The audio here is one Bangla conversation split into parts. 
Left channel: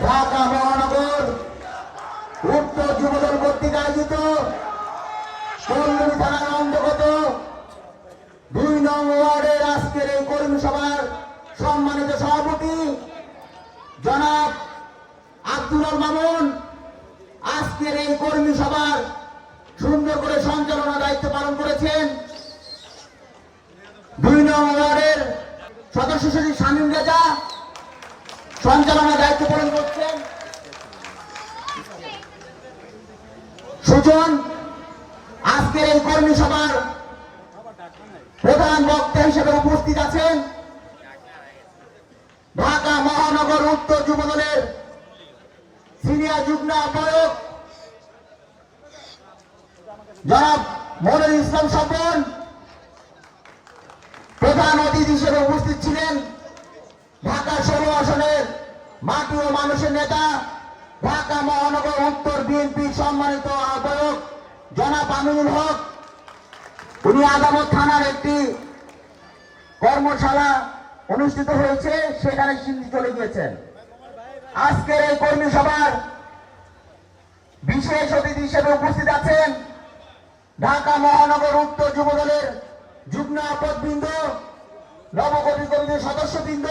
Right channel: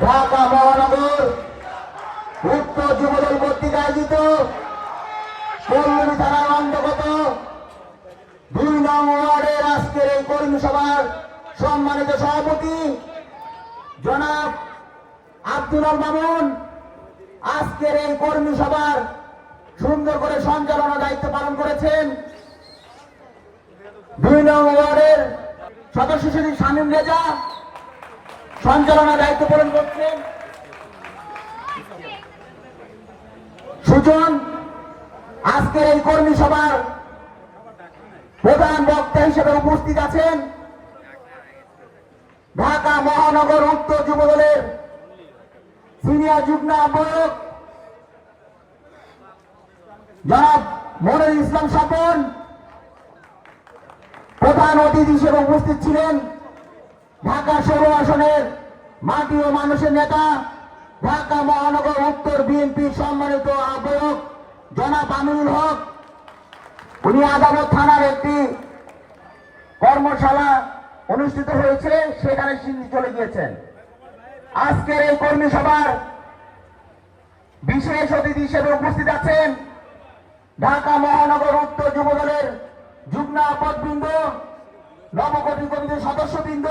ঢাকা মহানগর উত্তর যুবদল কর্তৃক আয়োজিত পল্লবী থানার অন্তর্গত দুই নং ওয়ার্ডের আজকের এই কর্মী সভার সম্মানিত সভাপতি জনাব আব্দুল মামুন। আজকের এই কর্মী সভার সুন্দর করে সঞ্চালনা দায়িত্ব পালন করেছেন দুই নং ওয়ার্ডের সদস্য সচিব শামীম রেজা। সঞ্চালনা দায়িত্ব পালন করছেন সুজন, আজকের এই কর্মী সভার প্রধান বক্তা হিসেবে উপস্থিত আছেন ঢাকা মহানগর উত্তর যুব দলের সিনিয়র যুগ্ম আহ্বায়ক জনাব মনির ইসলাম স্বপন, প্রধান অতিথি হিসেবে উপস্থিত ছিলেন। ঢাকা ষোলো আসনের মাটি ও মানুষের নেতা, ঢাকা মহানগর উত্তর বিএনপির সম্মানিত আহ্বায়ক জনাব আমিনুল হক। উনি আদালত থানার একটি কর্মশালা অনুষ্ঠিত হয়েছে, সেখানে তিনি চলে গিয়েছেন। আজকের এই কর্মী সভার বিশেষ অতিথি হিসেবে উপস্থিত আছেন ঢাকা মহানগর উত্তর যুবদলের যুগ্ম আপদবৃন্দ নবগঠিত কমিটির সদস্যবৃন্দ,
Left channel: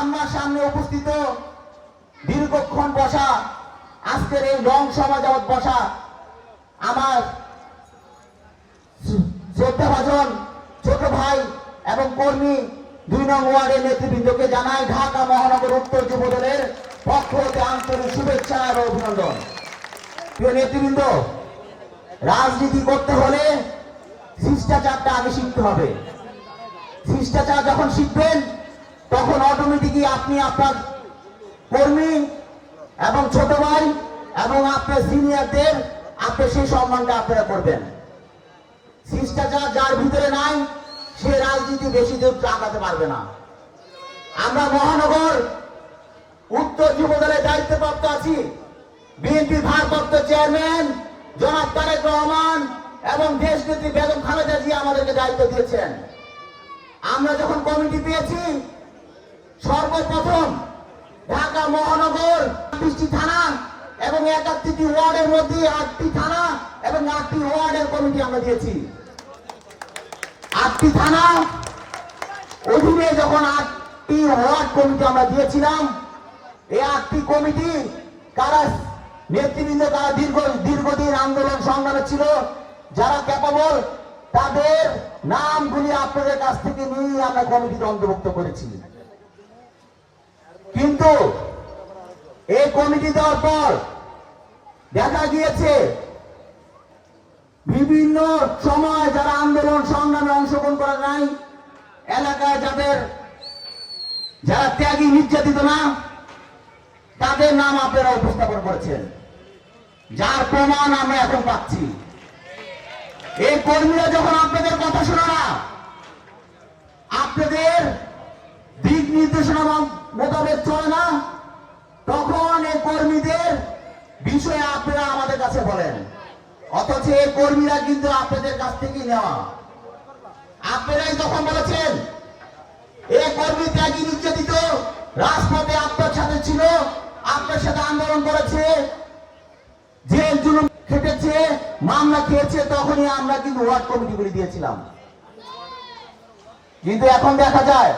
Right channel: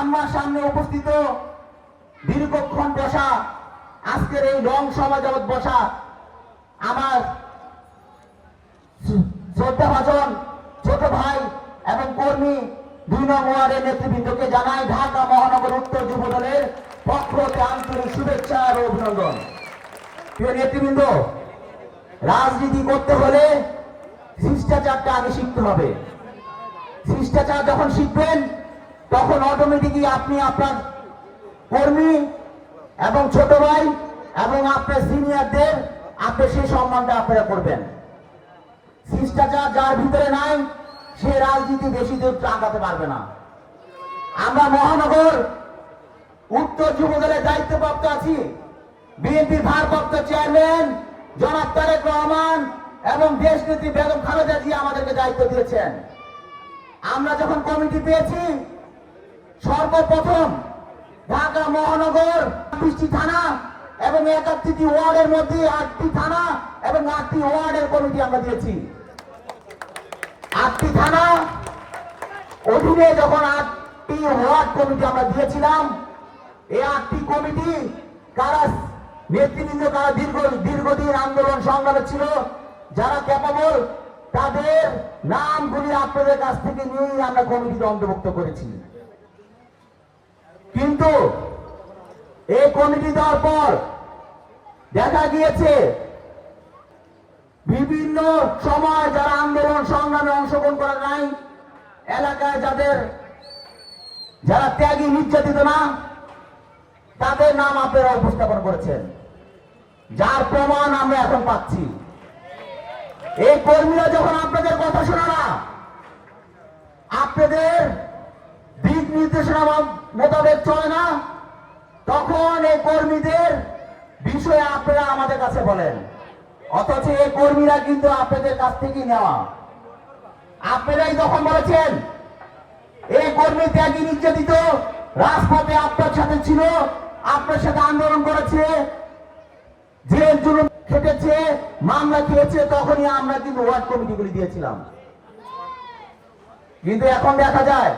আমার সামনে উপস্থিত দীর্ঘক্ষণ বসা আজকের এই রং সমাজত বসা আমার শ্রদ্ধাভাজন ছোট ভাই এবং কর্মী দুই নং ওয়ার্ডের নেতৃবৃন্দকে জানাই ঢাকা মহানগর উত্তর যুব দলের পক্ষ হতে আন্তরিক শুভেচ্ছা আর অভিনন্দন। প্রিয় নেতৃবৃন্দ, রাজনীতি করতে হলে শিষ্টাচারটা আগে শিখতে হবে। শিষ্টাচার যখন শিখবেন, তখন অটোমেটিকই আপনি আপনার কর্মী এবং ছোট ভাই এবং আপনার সিনিয়রদের আপনি সেই সম্মানটা আপনারা করবেন। শিষ্টাচার যার ভিতরে নাই, সে রাজনীতি বেশি দূর আগাতে পারবে না। আমরা মহানগর উত্তর যুব দলের দায়িত্বপ্রাপ্ত আছি। বিএনপি ভারপ্রাপ্ত চেয়ারম্যান জনাব তারেক রহমান এবং দেশ নেত্রী বেগম খালেদা জি আমাদেরকে দায়িত্ব দিয়েছেন। আমরা যখন কমিটি পেয়েছি, সর্বপ্রথম ঢাকা মহানগর বিশটি থানা এবং একাত্তরটি ওয়ার্ডের মধ্যে আটটি থানা এবং আটটি ওয়ার্ডের কমিটি আমরা দিয়েছি আটটি থানা অধীনে যখন আটটি ওয়ার্ড কমিটি আমরা দিয়েছিলাম, এই আটটি কমিটি কারা নেতৃবৃন্দ, কারা দীর্ঘ দীর্ঘদিন আন্দোলন সংগ্রামে ছিল, যারা ক্যাপাবল তাদের নামগুলি আপনাদের কাছ থেকে নিয়েই আমরা কমিটিতে অন্তর্ভুক্ত করেছি। কিন্তু এই কমিটি দেওয়ার পর দেখা গিয়েছে, বিভিন্ন সময় যারা আন্দোলন সংগ্রামে অংশগ্রহণ করে নাই, এলাকায় যাদের যারা ত্যাগী নির্যাতিত না, তাদের নাম আপনারা উপস্থাপন করেছেন। যার প্রমাণ আমরা এখন পাচ্ছি। এই কর্মীরা যখন আপনাদের কথা শোনা না, আপনাদের দিক নির্দেশনা মোতাবেক চলে না, তখন এই কর্মীদের বিষয়ে আপনারা আমাদের কাছে বলেন। অথচ এই কর্মীরা কিন্তু আপনাদের কাছ থেকেই নেওয়া। আপনারাই যখন বলেছেন, এই কর্মী ত্যাগী নির্যাতিত রাজপথে আপনার সাথে ছিল, আপনার সাথে আন্দোলন করেছে, জেল জুলুম খেটেছে মামলা খেয়েছে, তখনই আমরা কিন্তু ওয়ার্ড কমিটিগুলি দিয়েছিলাম। কিন্তু এখন দেখা যায়,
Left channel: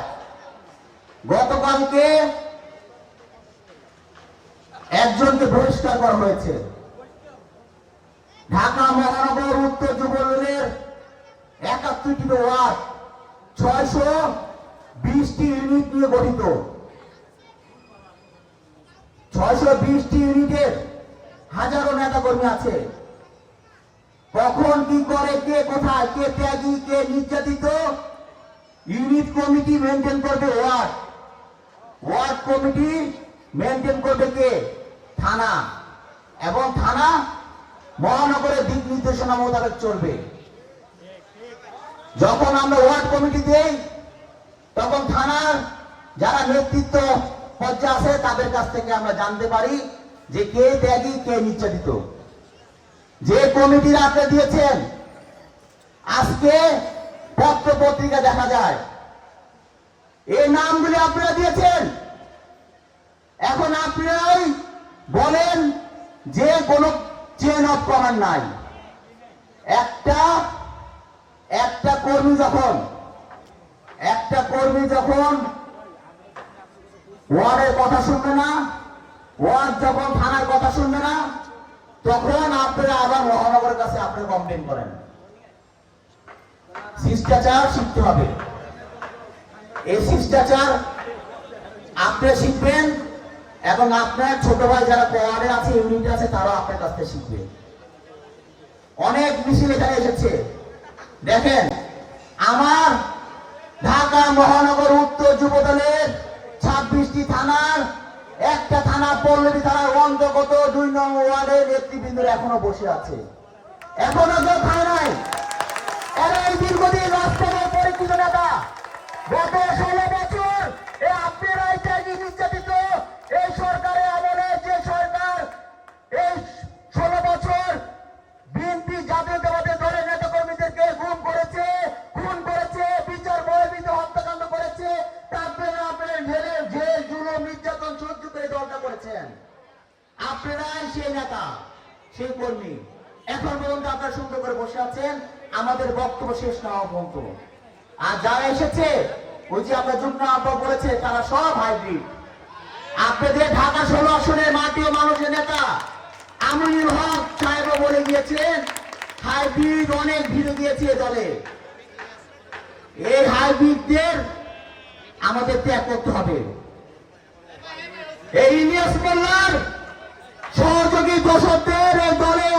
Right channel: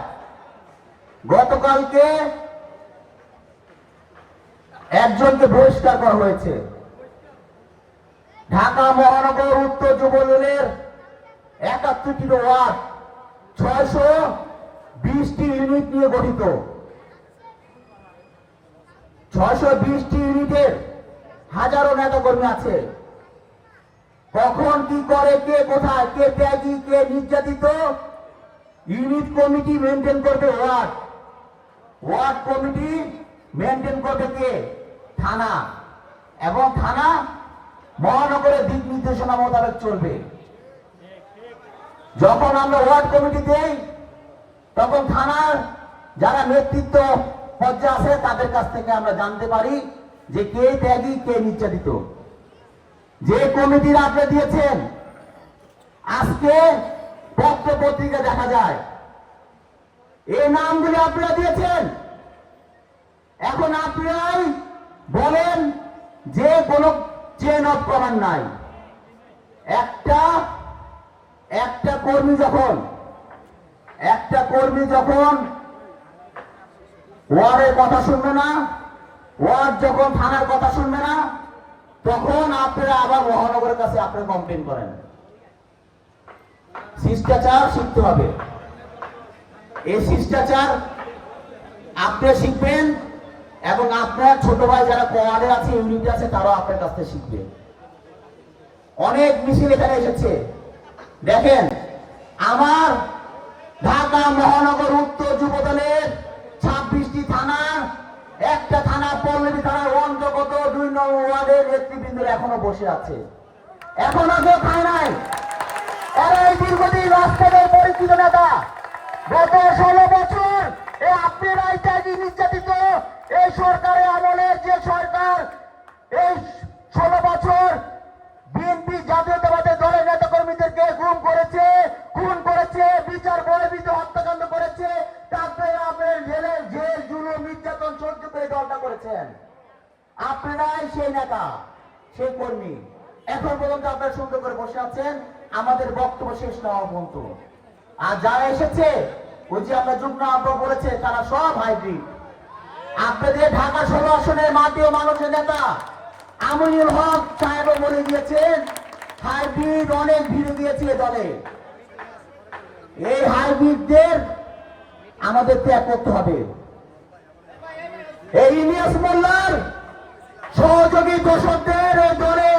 গতকালকে একজনকে বহিষ্কার করা হয়েছে। ঢাকা মহানগর উত্তর যুব দলের একাত্তরটি ওয়ার্ড ছয়শো বিশটি ইউনিট নিয়ে গঠিত। ছয়শো বিশটি ইউনিটের হাজারো নেতা কর্মী আছে। কখন কি করে, কে কোথায়, কে ত্যাগী, কে নির্যাতিত? ইউনিট কমিটি মেনটেন করবে ওয়ার্ড। ওয়ার্ড কমিটি মেনটেন করবে কে? থানা। এবং থানা মহানগরের দিক নির্দেশনা মোতাবেক চলবে। যখন আমরা ওয়ার্ড কমিটি দেই, তখন থানার যারা নেতৃত্ব পর্যায়ে আছে, তাদের কাছ থেকে আমরা জানতে পারি যে কে ত্যাগী, কে নির্যাতিত। যে কমিটির আপনি দিয়েছেন, আজকে পত্র পত্রিকা দেখা যায়। এই নামগুলি আপনারা দিয়েছেন। এখন আপনারাই বলেন যে কোনো চেন অফ কমান্ড নাই। একটা একটা কর্মী যখন, একটা কর্মী যখন ওয়ার্ডের কথা শুনবে না, ওয়ার্ড যখন থানার কথা শুনবে না আবার মহানগরের কাছে আপনি কমপ্লেন করেন। শিষ্টাচার শিখতে হবে। এই শিষ্টাচার আপনি শিখবেন এবং আপনার ছোট ভাই যারা কোয়ারে আছে ইউনিটে আছে, তারাও আপনার কাছ থেকে শিখবে। অনেক মিছিল এখানে এসেছে। দেখেন, আমার ঢাকা মহানগর উত্তর যুব দলের ছাব্বিশটি থানার থানা পল্লবী থানার অন্তর্গত দুই নং ওয়ার্ডের নেতৃবৃন্দরা এখনও বসে আছে। এখনও কেউ খায় নাই। এরা এই দীর্ঘদিন রাষ্ট্রের পরিচিত নেতা। গত ষোলো বছর এই আপনি রায়চাজি নির্যাতিত। এই সরকারের আমলে যে সরকার এই ষোলো বছর বিএনপি জাতীয়তাবাদী দলের নেতা কর্মীদেরকে গুম করেছে, খুন করেছে, বিচার বহির্ভূত হত্যাকাণ্ড করেছে আপনার সেই নেতা, সেই কর্মী। এখন পর্যন্ত আপনারা সুন্দর করে বসে আমাদের বক্তব্য শেষ না পর্যন্ত। আর যারা এসেছে, ওই যে আপনার যুগ্ম আব্বা বলেছে, তারা সব হাইব্রিড। আপনাদের ঢাকা ষোলো আসনের মাটি ও মানুষের নেতা আমিনুল হক সাহেবও বলে গিয়েছেন হাইব্রিড অনেক ভিড়ে দিয়েছে দলে। এই হাইব্রিডদের আমাদের ত্যাগ করতে হবে। এই ইলিয়াস মোল্লার সহযোগী দোষকদের এই দলে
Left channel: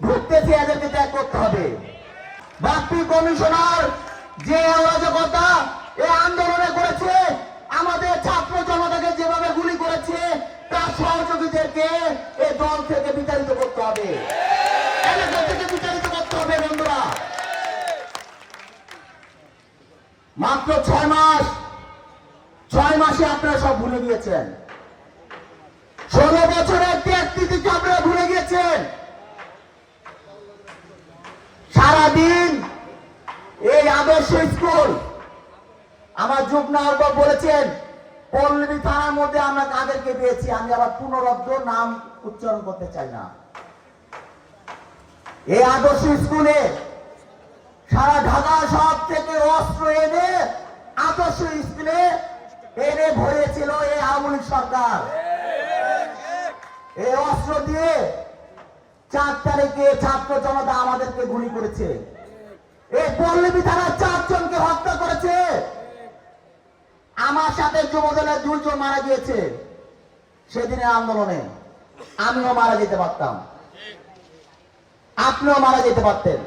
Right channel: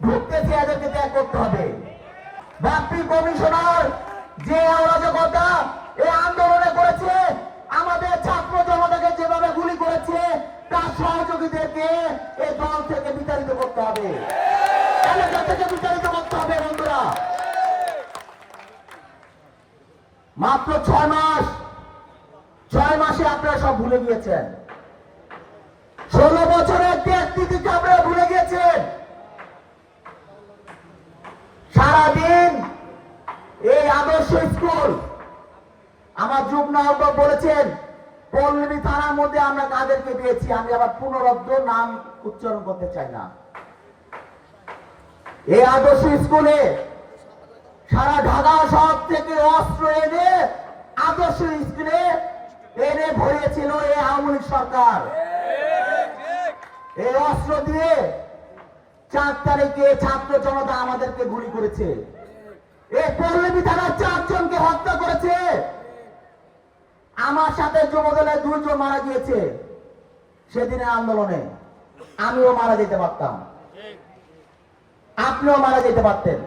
ঢুকতেছে, এদেরকে ত্যাগ করতে হবে। বাপ্পি কমিশনার যে অরাজকতা এই আন্দোলনে করেছে, আমাদের ছাত্র জনতাকে যেভাবে গুলি করেছে, তার সহযোগীদেরকে এই দল থেকে বিতাড়িত করতে হবে। এলাকা থেকে বিতাড়িত করতে হবে বন্ধুরা। মাত্র ছয় মাস। ছয় মাসে আপনারা সব ভুলে গিয়েছেন। ষোলো বছরের ত্যাগটিকে আপনারা ভুলে গিয়েছেন। সারাদিন এই আদর্শ স্কুল, আমার যুগ্ম আহ্বায়ক বলেছেন, পল্লবী থানার মধ্যে আমরা তাদেরকে পেয়েছি, আমি আবার পুনরব্দ নাম উচ্চারণ করতে চাই না। এই আদর্শ স্কুলে সারা ঢাকা শহর থেকে অস্ত্র এনে আদর্শ স্কুলে এনে ভরিয়েছিল এই আওয়ামী লীগ সরকার। এই অস্ত্র দিয়ে চার তারিখে ছাত্র জনতা আমাদেরকে গুলি করেছে। এই পল্লবী থানার চারজনকে হত্যা করেছে। আমার সাথে যুবদলের দুইজন মারা গিয়েছে সেদিনের আন্দোলনে। আমিও মারা যেতে পারতাম। আপনিও মারা যেতে পারতেন।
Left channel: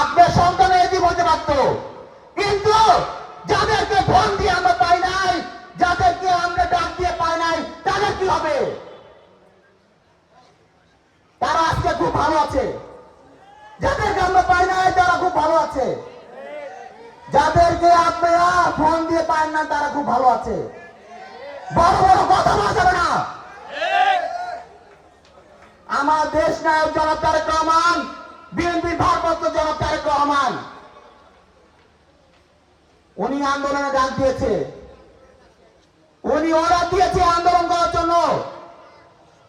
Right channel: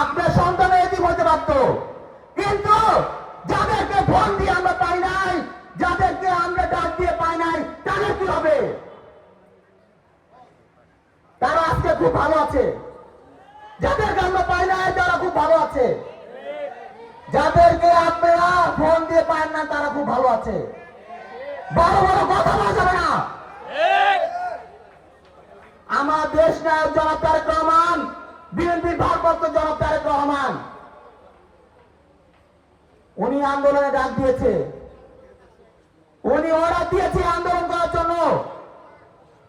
আপনার সন্তানের এটি বলতে পারত কিন্তু যাদেরকে ফোন দিয়ে আমরা পাই নাই যাদেরকে আমরা ডাক দিয়ে পাই নাই তাদের কি হবে? তারা আজকে খুব ভালো আছে। যাদেরকে আমরা পাই নাই তারা খুব ভালো আছে। যাদেরকে আপনারা ফোন দিয়ে পান না তারা খুব ভালো আছে। বড় বড় কথা বলা যাবে না। আমার দেশ নায়ক জনাব তারেক রহমান বিএনপির ভারপ্রাপ্ত জনাব তারেক রহমান, উনি আন্দোলনে ডাক দিয়েছে। উনি অর্ডার দিয়েছে আন্দোলন করার জন্য।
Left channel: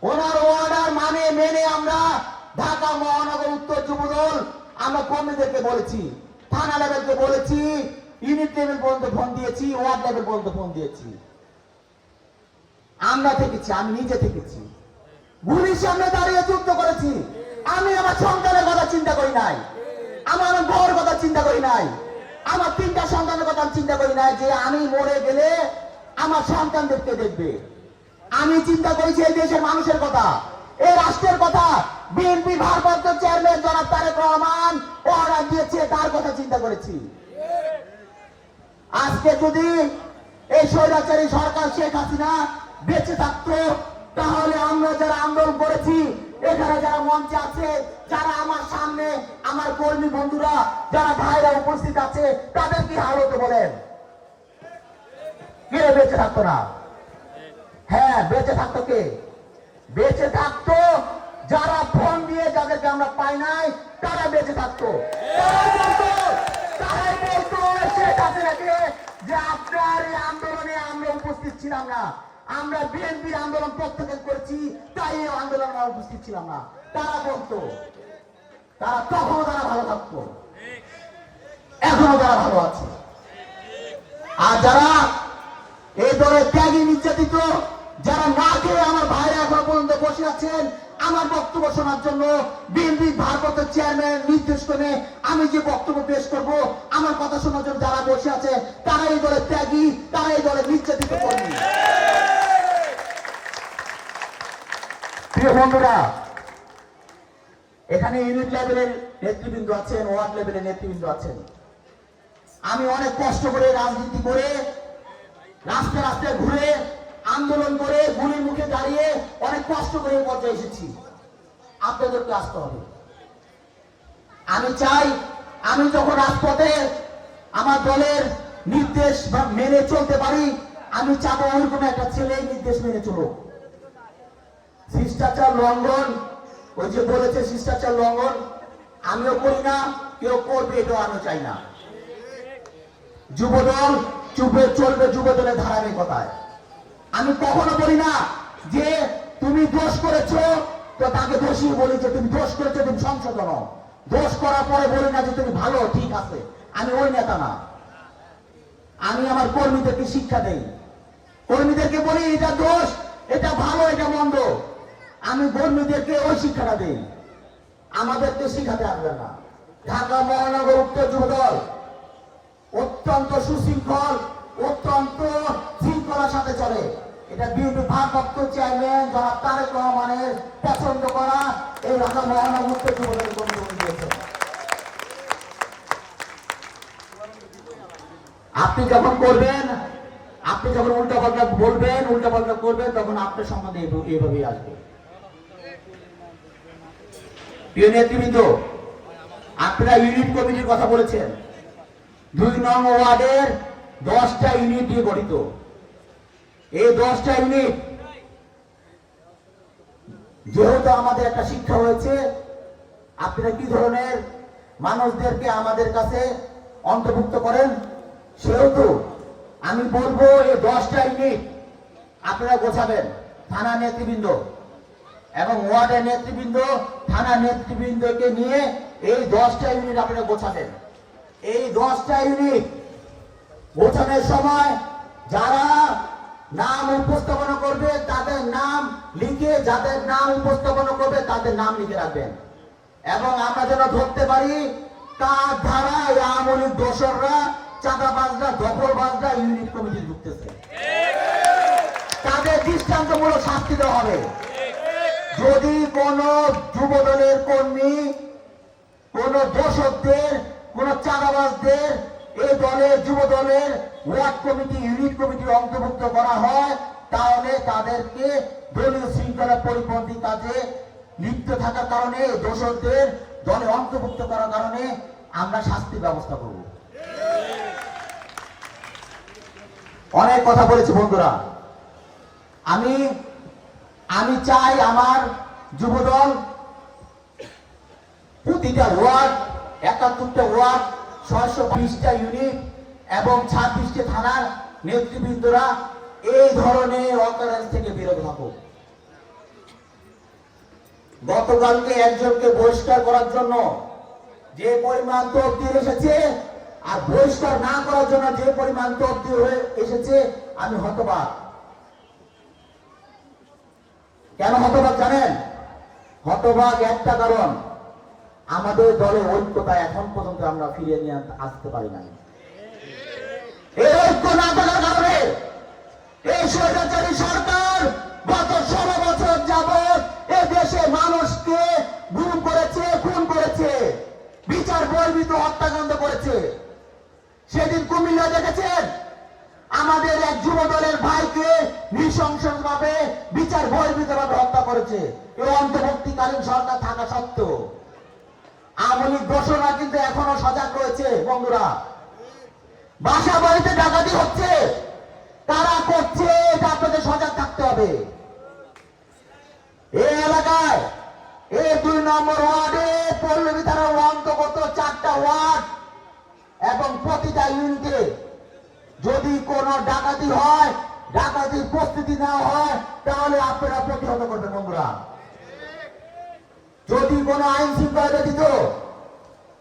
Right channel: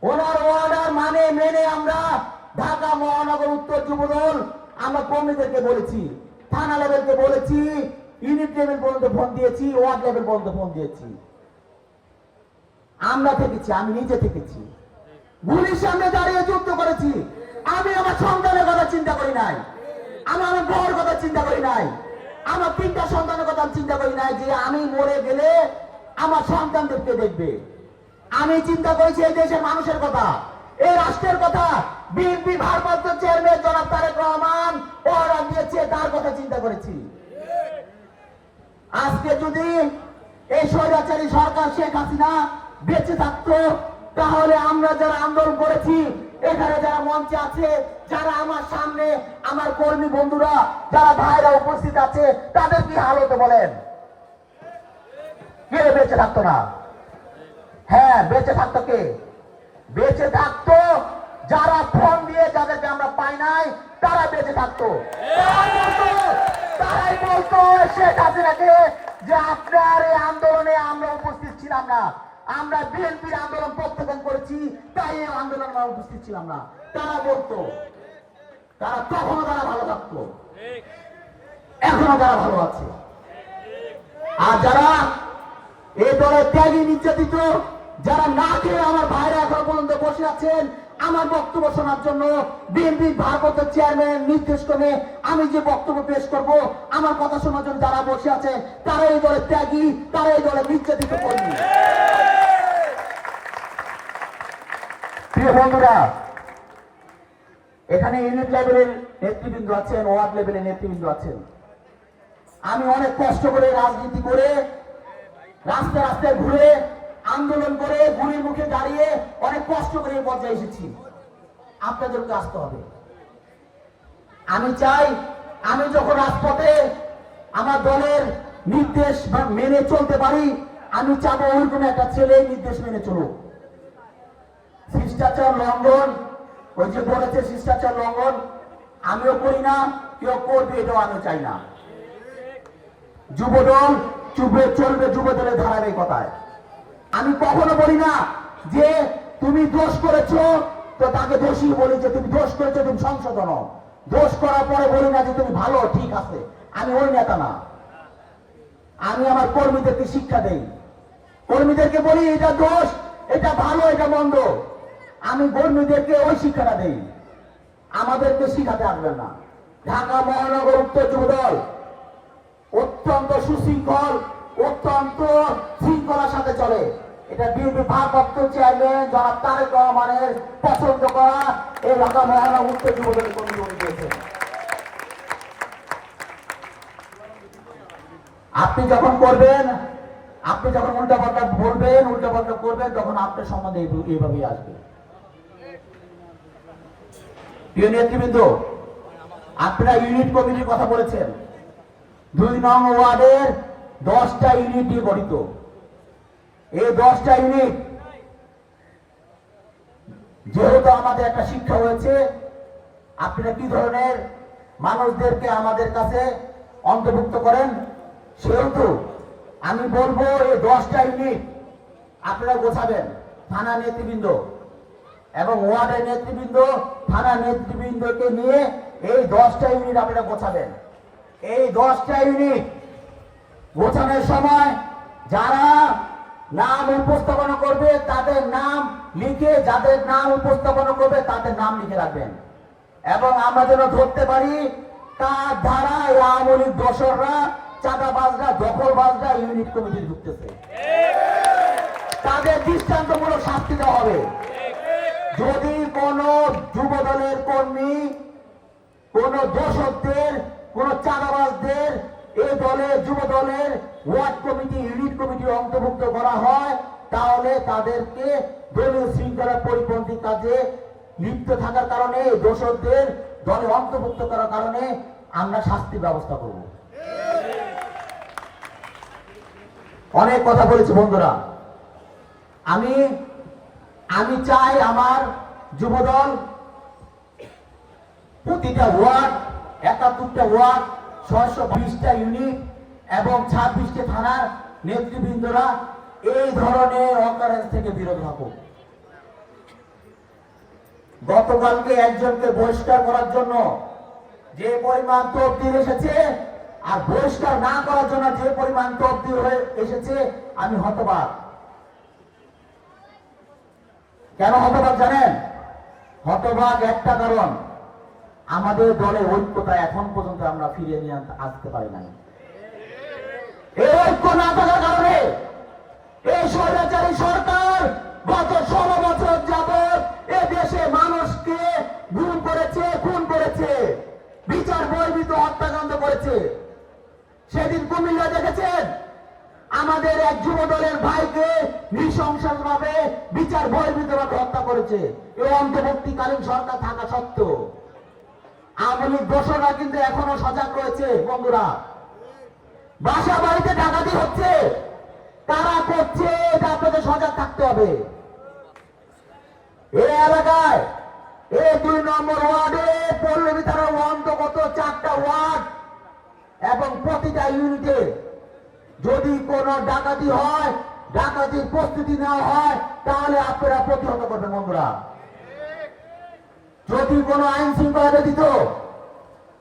ওনার অর্ডার মানে মেনে আমরা ঢাকা মহানগর উত্তর যুবদল, আমরা কর্মীদেরকে বলেছি, থানা লেভেলকে বলেছি ইউনিট লেভেল পর্যন্ত ফোন দিয়েছি ওয়ার্ড লেভেল পর্যন্ত ফোন দিয়েছি। আমরা থেকেছি, আমি নিজে থেকেছি। গুলির সামনে দাঁড়িয়ে যুদ্ধ করেছি। আমি আমার সন্তানের কথা চিন্তা করি নাই। আমি আমার বউর কথা চিন্তা করি নাই। আমার তিনটা সন্তানের কথা চিন্তা করি নাই যে আমি মরে গেলে আমার সন্তানদেরকে দেখবে। আমি চিন্তা করেছি এই দেশের মানুষের কথা, এই রাষ্ট্রের কথা। বিএনপি ভারপ্রাপ্ত চেয়ারম্যান জনাব তারেক রহমান অর্ডার দিয়েছে, তার কথা চিন্তা করেছি। আজকে যদি এই স্বৈরাচারী সরকার শেখ হাসিনা বেঁচে থাকতো, তাহলে আমরা যারা আন্দোলন করেছি এখানে যারা মঞ্চে আছে, যারা আমার সামনে, আমার কর্মী বন্ধুরা, যারা ভাইরা উপস্থিত আছে তাদের কি হাল হতো বলেন। কে বেঁচে থাকতো না। হ্যাঁ বেঁচে থাকতো কে? বেঁচে থাকতো যারা ফোন দিয়ে যাদেরকে আমরা পাই নাই, তারা বেঁচে থাকতো। তারাই বলতো শেখ হাসিনাকে যে আপনার এই আন্দোলনে আমরা উপস্থিত ছিলাম না। আমরা বিএনপির আন্দোলন প্রত্যাখ্যান করেছি, তাই এই আন্দোলন আমরা উপস্থিত ছিলাম না। তারা বলতো, তারা তখনও তারা ভালো থাকতো। এখনও তারা ভালো আছে। আর যারা এই দলের ত্যাগী নির্যাতিত, যারা না খেয়ে আমার ভাইরা এখন পর্যন্ত বসে আছেন, আমার বক্তব্য শোনার জন্য বিএনপি ভারপ্রাপ্ত চেয়ারম্যান নির্দেশ করে আমি যে বক্তব্য পেশ করব, আমার কথা শোনার জন্য যারা বসে আছে, তারা এই দলের ত্যাগী, তারা এই দলের নির্যাতিত কর্মী প্রিয় বন্ধুরা, এখানে ইউনিট লেভেলের নেতৃবৃন্দ আছেন ওয়ার্ড লেভেলের নেতৃবৃন্দ আছেন। আমি অনেক কষ্ট করে রাজনীতি করে, রাস্তায় রাস্তায় ঘুরে, আন্দোলন করে, গুলির মুখে দাঁড়িয়ে অনেক কষ্ট করে পর্যায়ে এসেছি। আপনাদেরকে আসতে হবে। আমি চাই, আমি যখন রাজপথে আমার দলের নির্দেশ বা মেনে চলতে পারি, আমি চাবো ওইরকম একটা ছেলে নির্দেশ মেনে চলুক। শিষ্টাচার লঙ্ঘন, ওই যে বলেছে শিষ্টাচার লঙ্ঘন, আমিও করি না, কেউ করবে এটাও আমি চাই না। যুবদল চুপে চলবে, যুবদলের ধারাবাহিকতায় আমি কখনো বলি না যে তুমি দোষ করেছ, তো তাকে দোষী বলি যে তুমি দোষ করেছ, তুমি সংশোধন দোষ করার পরে বলি না যে তুমি ভালো, ঠিক আছে। আমি ওই নেতা না। আমি আমার কর্মীদেরকে শিক্ষা দেই। কর্মীদেরকে বলি, এটা দোষ, এটা ভালো, এটা মন্দ। আমি বন্ধুদেরকে ওই শিক্ষাটা দেই। আমাদেরকে শিখাতে আসবেন না। ঢাকা মহানগর উত্তর যুবদল অত্যন্ত সুশৃঙ্খল, অত্যন্ত শৃঙ্খলার সাথে চলে। এটা বিএনপি ভারপ্রাপ্ত চেয়ারম্যান জনাব তারেক রহমানের পছন্দ করা এই ঢাকা মহানগর উত্তর যুবদলের উনি দিয়েছেন আপনি যখন করবেন, আপনি যখন উল্টা পাল্টা বলবেন, উল্টা পাল্টা করবেন, তখন আপনার সম্বন্ধে এই- এইভাবেই আসবে। প্রিয় নেতৃবৃন্দ, আপনারা ইউনিট কমিটির কথা বলেছেন। দুই নং ওয়ার্ডের দশটা ইউনিট দিয়ে গঠিত। এই দশটা ইউনিট যেহেতু আমাদের একটা শিক্ষা হয়েছে, আপনারা কি ধরনের মানুষদেরকে আমাদের কাছে অন্তর্ভুক্ত করেন? সেহেতু আমি বলব এই দশটা ইউনিট আপনারা গোছাবেন। থানা নেতৃবৃন্দ এবং ওয়ার্ডের নেতৃবৃন্দ থানা নেতৃবৃন্দকে নিয়ে এই দশটা ইউনিট আপনারা গোছাবেন। এই দশটা ইউনিট গোছানোর সময় যারা নাম উপস্থাপনা করবে, তাদের নাম লিখে, যাদের নাম উপস্থাপনা করবে, তাদের নাম লিখে রাখবেন। এবং আমরা যেন ধরতে পারি, তার এই আওয়ামী লীগ দোসররা, চাঁদাবাজরা, দখলবাজরা ইউনিট কমিটি ঢুকতেছে। তাদের দৃষ্টান্তমূলক শাস্তি দেওয়া হবে। যদি কোন যুব দলের কর্মী, কোন দোষকদের কোন চাঁদাবাজদের এই দলের যুব দলের ওয়ার্ড কমিটি, ইউনিট কমিটি অন্তর্ভুক্ত করা হয়, তাহলে তাদেরকে দলীয় শৃঙ্খলার পরিপন্থী কাজে লিপ্ত থাকার কারণে দোষকদের দলে অন্তর্ভুক্ত করার কারণে আমরা শাস্তি ব্যবস্থা করব। অনেক কথা বলেছি বন্ধুরা। আমি আমি চাই আমার যুবদল প্রতিটা ওয়ার্ড, একাত্তরটা ওয়ার্ড, ছয়শো বিশটা ইউনিট এবং ছাব্বিশটা থানার নেতৃবৃন্দরা এই ধরনের অকারেন্স থেকে বিরত থাকুক। গতকালকে একজনকে বহিষ্কার করার জন্য যে পরিমাণ তবদিল এসেছে আর বহিষ্কার না করার জন্য যে পরিমাণ তবদিল হয়ে এসেছে, আমি হতবাক। কেন হতবাক জানেন? হতবাক একটা কারণ, আমাদের দলে ঐক্যতা এখন পর্যন্ত আমরা ফিরিয়ে নিয়ে আসতে পারি নাই। এই ঐক্য না থাকার কারণে এই সরকার গত ষোলো বছর যাবৎ এ দেশে মানুষকে গুম করেছে, খুন করেছে, বিচার বহির্ভূত হত্যাকাণ্ড করেছে। সেদিন কুমিল্লা দেখেছেন? আমাদের এক যুব দলের ভাইকে নৃশংসভাবে ভাবে বিচার বহির্ভূত ভাবে হত্যা করেছে। এই অন্তর্বর্তীকালীন সরকার থাকা সত্ত্বেও। আমলি দোষরা কিন্তু এখনও সজাগ রয়েছে, বন্ধুরা। বাসা বাড়িতে ডাকাতি হচ্ছে। তারা করছে এটা আপনাদের সজাগ থাকতে হবে। এই এলাকায় এই দুই নম্বর ওয়ার্ডে পল্লবী থানার অন্তর্গত চারটা ওয়ার্ড এবং প্রতিটা ইউনিটে যদি কোনো ডাকাতি হয়, ডাকাতির প্রস্তুতি নেওয়া হয়, তাহলে আপনারা প্রতিহত করবেন, বন্ধুরা। যদি কোনো আইন শৃঙ্খলা ব্যতীত,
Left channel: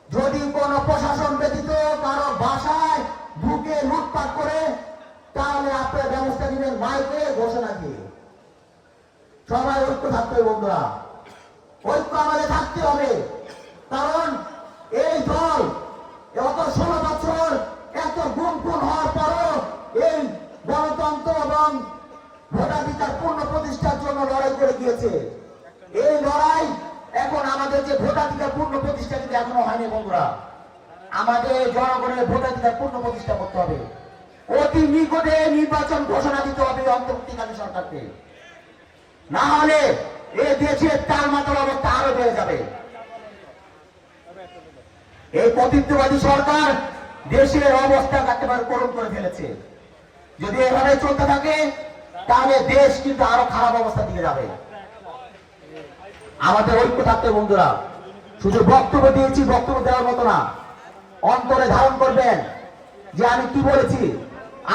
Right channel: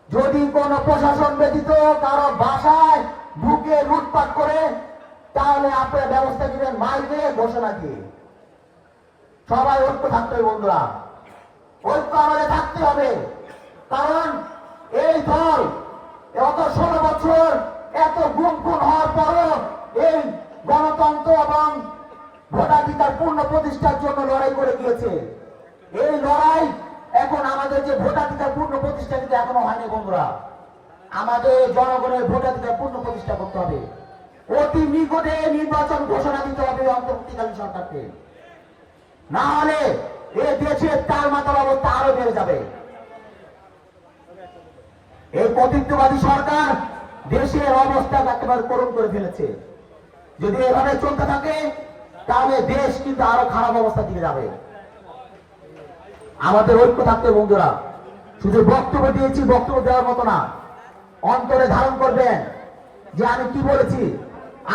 যদি কোনো প্রশাসন ব্যতীত কারও বাসায় বুকে লুটপাট করে, তাহলে আপনারা ব্যবস্থা দিবেন মাইকে ঘোষণা দিয়ে। সবাই ঐক্য থাকতে হবে, বন্ধুরা। ঐক্য আমাদের থাকতে হবে। কারণ এই দল গত ষোলো এত গুম খুন হওয়ার পরও এই গণতন্ত্র এবং ভোটাধিকার পূর্ণ প্রতিষ্ঠার জন্য লড়াই করে গিয়েছে। এই লড়াই এখন আমাদের যে ভোটাধিকার পূর্ণ প্রতিষ্ঠা কিন্তু এখনও হয়নি বন্ধুরা। আমাদের জনগণের ভোটাধিকার পূর্ণ প্রতিষ্ঠা করতে হবে। অতি নিকটে নির্বাচন ঘোষণা দিতে হবে অন্তর্বর্তীকালীন সরকারকে। না হলে এ দেশের তালমাতাল অবস্থা আরও বেড়ে যাবে। এই কর্তৃত্ববাদী সরকার দেশের অবস্থা একেবারে করুণ করে ফেলেছে। যদি এভাবে চলতে থাকে, তাহলে দেশ কিন্তু আরও খারাপ অবস্থার দিকে যাবে। আমাদের ঐক্য থাকতে বন্ধুরা। শুধু বক্তব্য দিয়েছি, বক্তব্য দেওয়ার মতো না। অন্তরে ধারণ করবেন যে আমি কি বলেছি?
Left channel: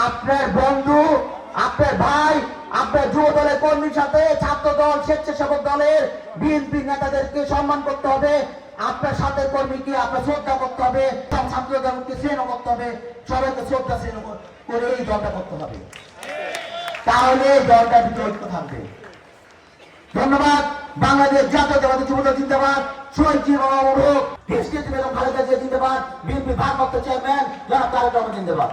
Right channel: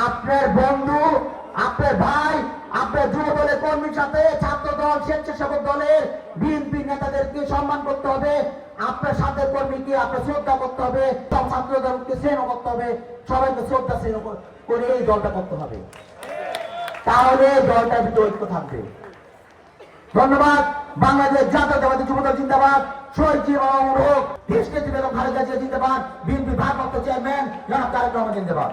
আপনার বন্ধু, আপনার ভাই, আপনার যুব দলের কর্মীর সাথে ছাত্র দল স্বেচ্ছাসেবক দলের বিএনপি নেতাদেরকে সম্মান করতে হবে। আপনার সাথে কর্মীকে আপনার শ্রদ্ধা করতে হবে? ছাত্র দলকে শ্রেণ করতে হবে। সবাইকে শ্রদ্ধা শ্রেণ করে এই দলটা করতে হবে। তাহলে ভিতরে ঐক্য থাকবে। ধন্যবাদ। বাংলাদেশ জাতীয়তাবাদী যুবদল জিন্দাবাদ। শহীদ জিয়া দেশকে বেগম খালেদা জিয়া জিন্দাবাদ। বিএনপি ভারপ্রাপ্ত চেয়ারম্যান জনাব তারেক জিন্দাবাদ।